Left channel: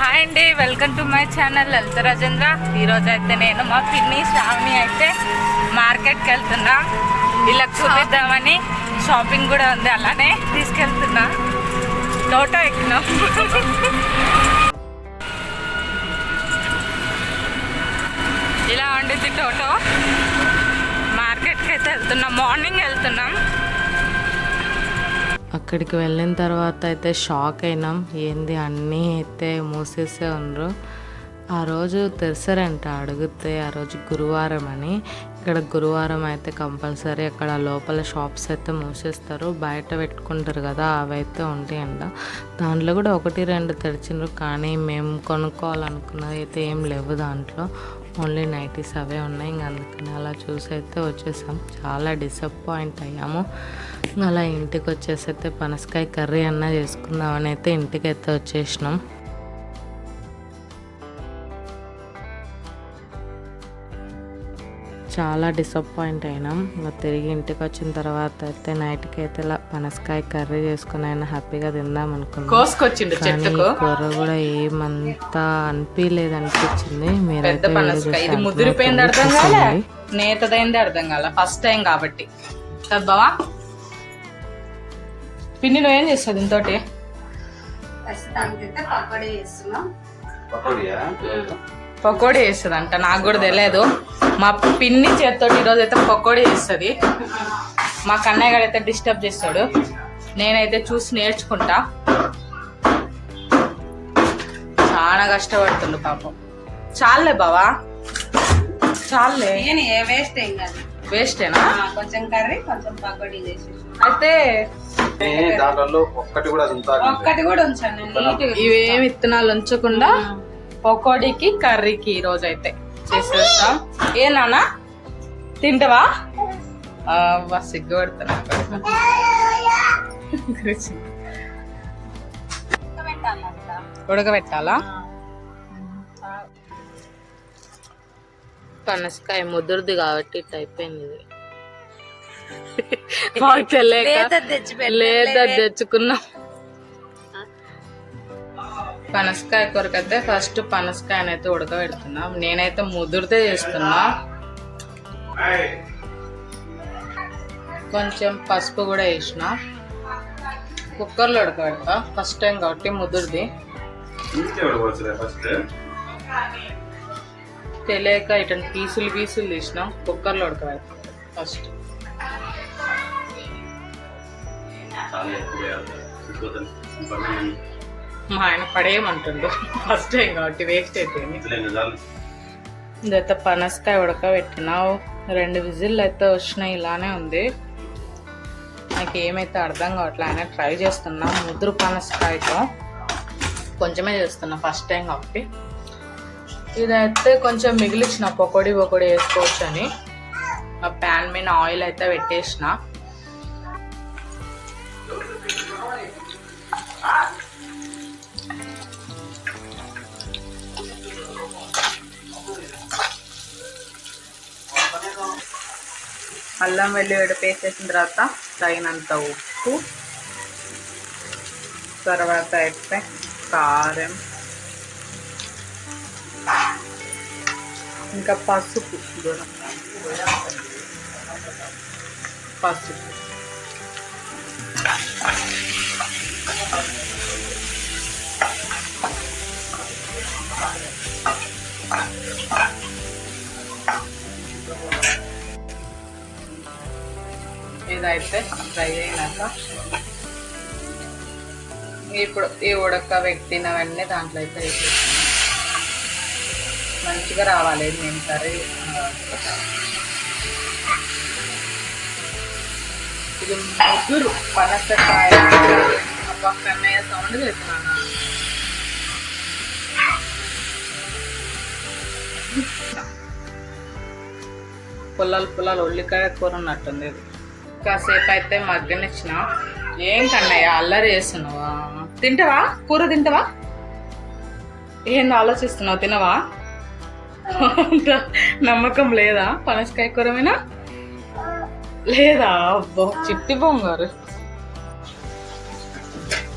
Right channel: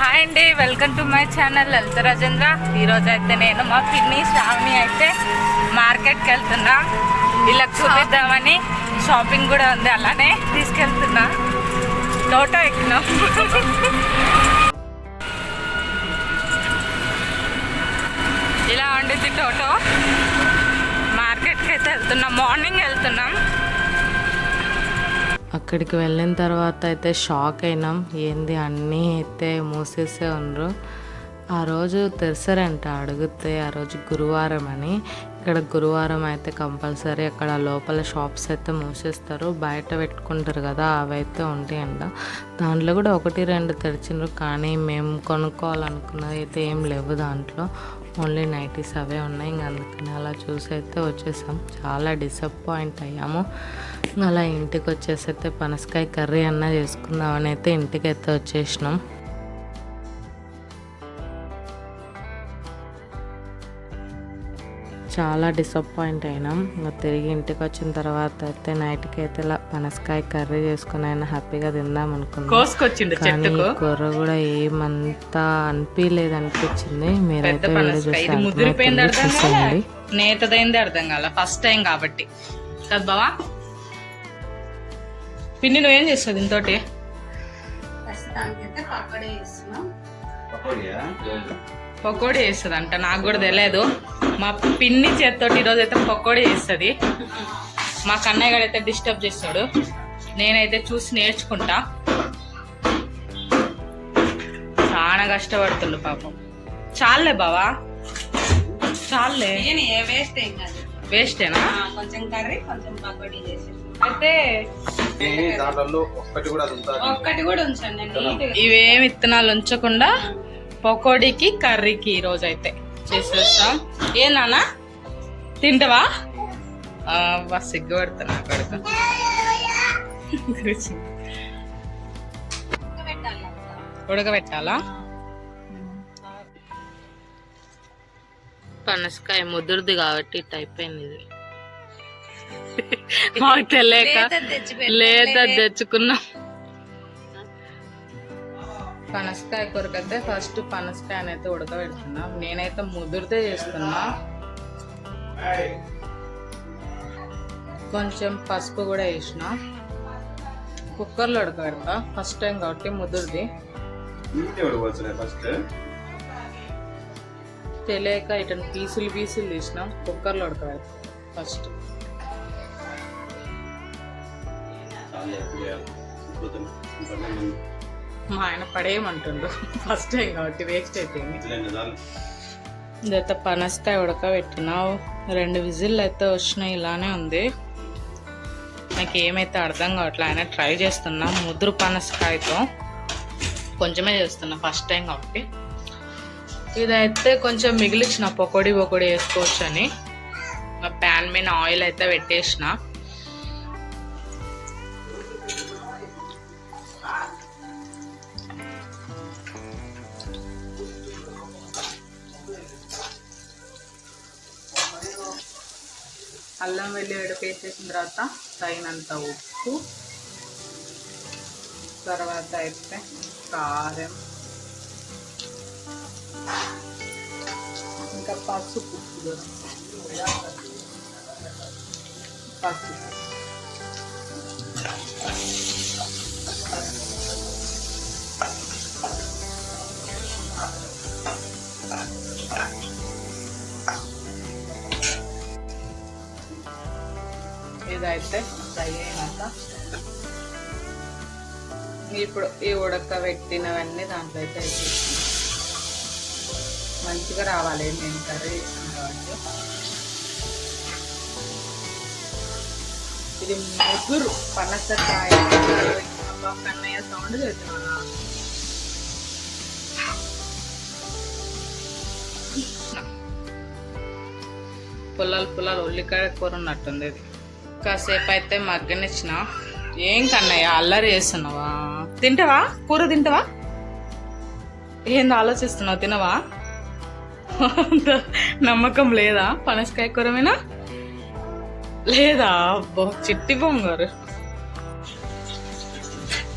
Hi అండి welcome to my channel Lalitha Rajendra. ఈరోజు అయితే నేను మా పిన్ని శ్రావణి అయితే మార్కెట్కి వెళ్తున్నా. ఇలా చూపిద్దామని షాపింగ్ కూడా ఉంది అలానే తీసుకెళ్తున్నా. టోటో ఎక్కినాం. ఇలా ఉండిద్ది టోటో మార్కెట్కి అయితే వెళ్తున్నాం మార్నింగ్ వెళ్తున్నాం. అక్కడికి వెళ్ళిన తర్వాత అయితే షాక్ అయినాం. ఏంది అన్నీ అయితే మూసేసే ఉన్నారు ఆ రోజు తెరిసారంట అడిగితే ఆ రోజు గురువారం అని. ఇక్కడ గురువారం అయితే కంపల్సరీ అక్కడ లోపల షాప్స్ అయితే మూసేస్తారు. బయట పెట్టుకుంటారు కదా అవైతే ఉంటాయంట. దాంట్లో కూడా ఒకటి రెండు తెరిచిండ్రు కానీ మేము కొనుక్కోవాలనుకున్నది అయితే ఏం లేవు దాంట్లో. ఓన్లీ నైటీస్ అవే ఉన్నాయి. ఇంక అందుకని అలా చూసి అయితే వచ్చేసాం. చాలా డిసప్పాయింట్ అయ్యాము. అలా ఇంటికి వచ్చేసి అయితే పనసకాయ కర్రీ అన్న చేసుకుందామని అయితే ఇంటికి అయితే వచ్చేసినాం. చాలా డిసప్పాయింట్ అయినాం. ఇంకా తిరిగి ఇంటికి వచ్చిన తర్వాత అయితే నైట్కి అయితే ఇలా పనసకాయ కర్రీ చేసుకుని అయినా హ్యాపీగా తిందాం అనుకున్నాం. కానీ ఈ కూర కూడా ఏమంతా అనిపించలేదు అనిపించింది. మీరైతే వీడియో చూస్తే చూసేయండి. నేతదైంది అర్థం కాల. ఫస్ట్ టైం కాబట్టి. బావా. పిన్ని నువ్వేం చేస్తావు పకోడీ చేస్తుంది అంట నాకు కూడా తెలియదు మా పిన్ని చేత్తోటి ఈరోజు అయితే పకోడీ చేస్తుంది. మా కన్నయ్య గారు అయితే డిస్టర్బ్ చేస్తాడు. నేనైతే చూసి నేర్చుకుంటా. చాలా కష్టపడుతుండు పాపం. చాలే బావా. చాలే వేస్ట్ ఏం కాదు. వేస్టేనా కొంచెం కర్రీ కొంచెం పకోడీ చేసి. అయితే ఒక్కటి కూడా ఉంటారు ఒక్కటి కూడా ఉంచాను నేను నీట్గా ఇవేం విత్తనాలు ఉంచకుండా పకోడీకి కర్రీకి ఈ రోజు అయితే చేసేస్తాం. ఏ నాన్న? తింటావా? బస్ సిగ్గు పెడుతున్నా పెట్టాలంట ఉడకబెట్టాలా? పనసకాయ ముదురుది కాబట్టి ఇట్ అయిపోయింది ఇది. మాకు తెలియక. లేదా తెచ్చుకున్నాం. పనసకాయ కొరకైతే ఫస్ట్ పనసకాయనైతే అయితే ఉడకబెడుతున్నాం. నేనైతే ముదురుతే చేస్తున్నా. కొంచెం పసుపు కూడా వేసిన. కుక్కర్లో ఉడకబెడతా. ఫస్ట్ టైం కాబట్టి ముదురుది. తెలియక ఇటు పీసులు పీసులు తీసినాం. కుక్కర్లో ఉడకబెడతాం. ఫస్ట్ మా ఆయన పడేయమంటుండు. ఫస్ట్ టైం కాబట్టి వేస్ట్ అయిపోయింది. ఇదైతే పనసకాయ ఉడకబెట్టినావు. రెండు విజిల్లు అయితే వచ్చినాయి ఇలానే ఉంది. నాకు ఏమైతే అర్థం కావట్లే ఆయన ట్రై చేస్తున్నా ముద్ర పనసకాయతో. కొంచెమే చేస్తున్నా ఫస్ట్ టైం కాబట్టి. ఇదైతే కొంచెం మిగిలిచ్చిన పకోడీ పకోడీ వేసుకోవచ్చు అని ఆ ప్యాన్ మీద ఆయిల్ అయితే పెట్టేసిన. అల్లం వెల్లిగడ్డ పేస్ట్ వేసిన తర్వాత తగినంత ఉప్పు తర్వాత అయితే కారం ఇంకా పసుపు దూరం పసుపు. అయితే ఫ్రై అయినాక ఇప్పుడు ఈ ఉడక పెట్టినవన్నీ దాంట్లో అయితే మంచిగా రావాలి నేను కర్రీ. ఇది ముగ్గురు పనసకాయ. పక్కనే సౌండ్ చేస్తాను పుల్లలు పుల్లలు ఉల్లికాయ కూర ఉన్నట్టుంది. ఇది. కాసేపు అయితే మగ్గనిచ్చిన. ఏంటన్నయ్య అల్లరి చేస్తున్నావా? తింటావా? కూర తింటావా? ఏంది ఆలోచిస్తున్నావు తినవా? అంత నమ్మకం లేదా? పనసకాయ కూర లేదా? అబ్బో చిట్టి బొంగారు.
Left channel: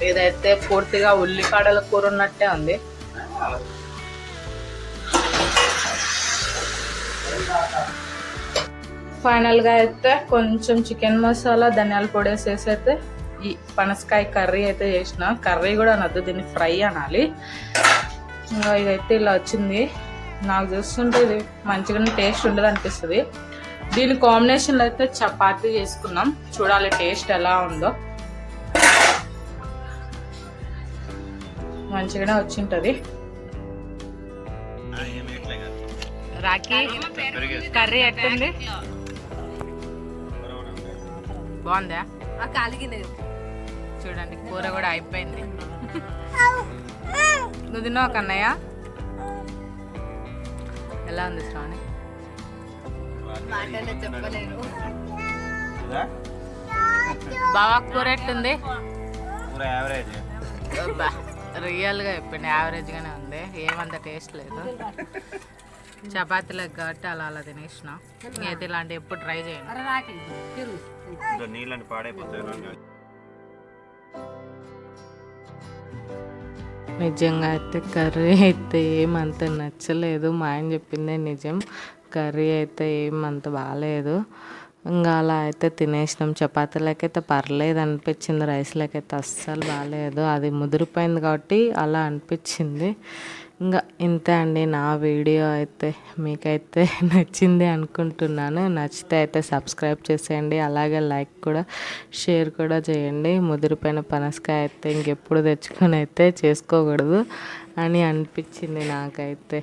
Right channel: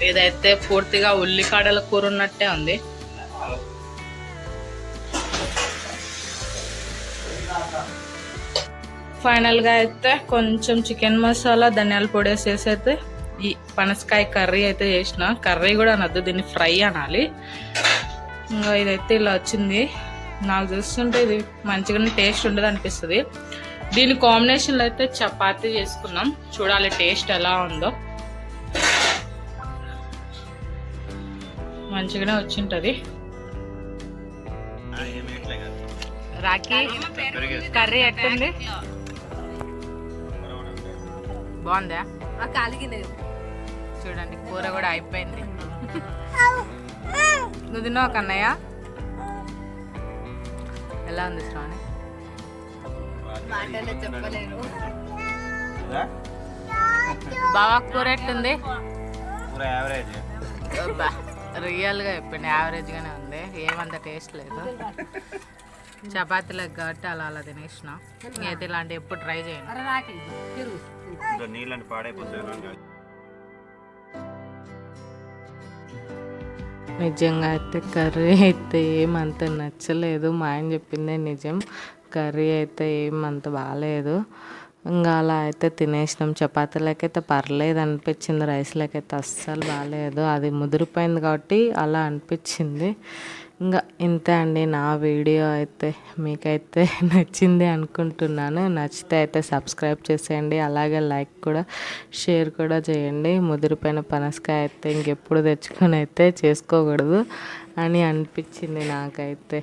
ఇదైతే పూర్తిగా ఉల్లికాడల కూర ఉన్నట్టే ఉంది. ఫైనల్గా అయితే కొంచెం చికెన్ మసాలా ధనియాల పొడి వేసేసి అయితే ఈ పనసకాయ కర్రీ అయితే చేసిన. కర్రీ కూడా అనొద్దు దీన్ని ఫ్రై అనాలి. ఇంకా ఇదైతే ఇలా వచ్చింది. నాకు చూస్తుంటే ఇది మంచిగానే టేస్ట్ ఉండదు అనిపిస్తుంది. దీని కాంబినేషన్లో అయితే చపాతీ చేసుకున్నాం. చూడాలి టేస్ట్ ఎలా ఉందో. మంచిగానే వచ్చింటుంది. రాఖీ కర్రీ ఎట్టుంది? బాగుందా? కాలిగినది చూడండి కూర కూడా అయిపోయింది. నువ్వు తిన్నావు కన్నయ్య? ఎలా ఉంది శ్రావణి? బాగా కూర ఎట్టుంది రియల్గా చెప్పింది యావరేజ్గానే ఉంది. ఏమంత టేస్ట్ లేదు. చపాతీలకు కాబట్టి అలా అలా తినేసిన. అయితే ఇలాంటి ఎప్పుడు ట్రై చేయండి నీళ్ళని పాడైపోతాయి నిజంగా అయితే కర్రీ అయితే ఏమంత నచ్చలేదు. మా ఆయన చెప్పిందే నిజం. కర్రీ అయితే ఏమంత బాగాలేదు ఇంకా అలా అయితే తినేసినాం. చపాతీలకైతే పర్లేదు అనిపించింది. రైస్లకైతే అస్సలు బాగాలేదు అది ముదిరిపోయింది కాబట్టి అలా అనిపించింది. ఇంకా ఇంతే అండి నా వీడియో అయితే మీకైతే నచ్చింది అనుకుంటున్నాను. నచ్చితే అయితే సబ్స్క్రైబ్ చేసేయండి అలాగే లైక్ కూడా షేర్ కూడా చేయండి. ముదిరిపోయిన పనసకాయ అయితే ఇంకెప్పుడు తెచ్చుకొని అయితే చేసుకోకూడదు అని అనిపించింది నాకైతే.